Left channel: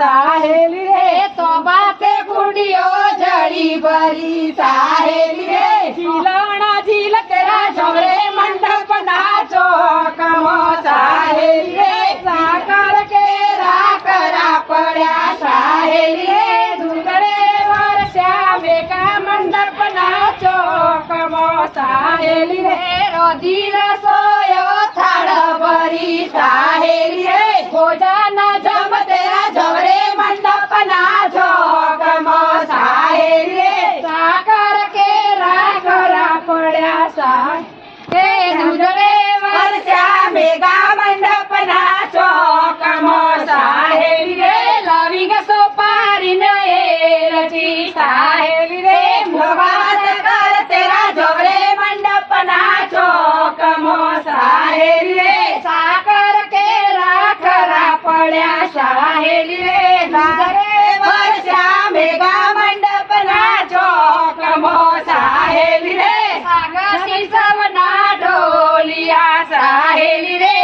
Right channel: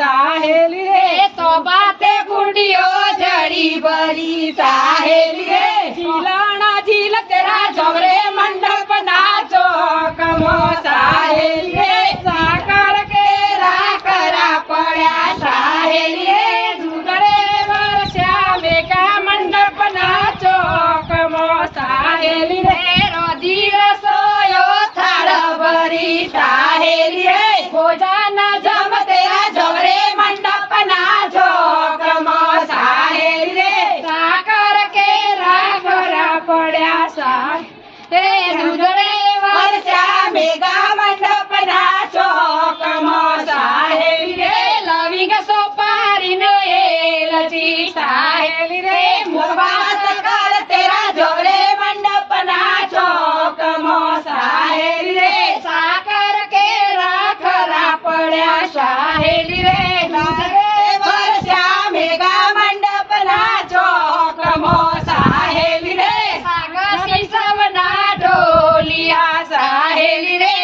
साहेली रे। तो बाते कुंडियो जड़ी बरी साहेली रे। खिलाना झीलक रा जमरे मंडप नाचो कमो साहेली रे। साकार के रा करा पड़ा साहेली रे। दुगड़े वर श्यामे का मंडप नाचो कमो साहेली रे। रोजी रसो રે સાકર ಹೇಳಿವೆ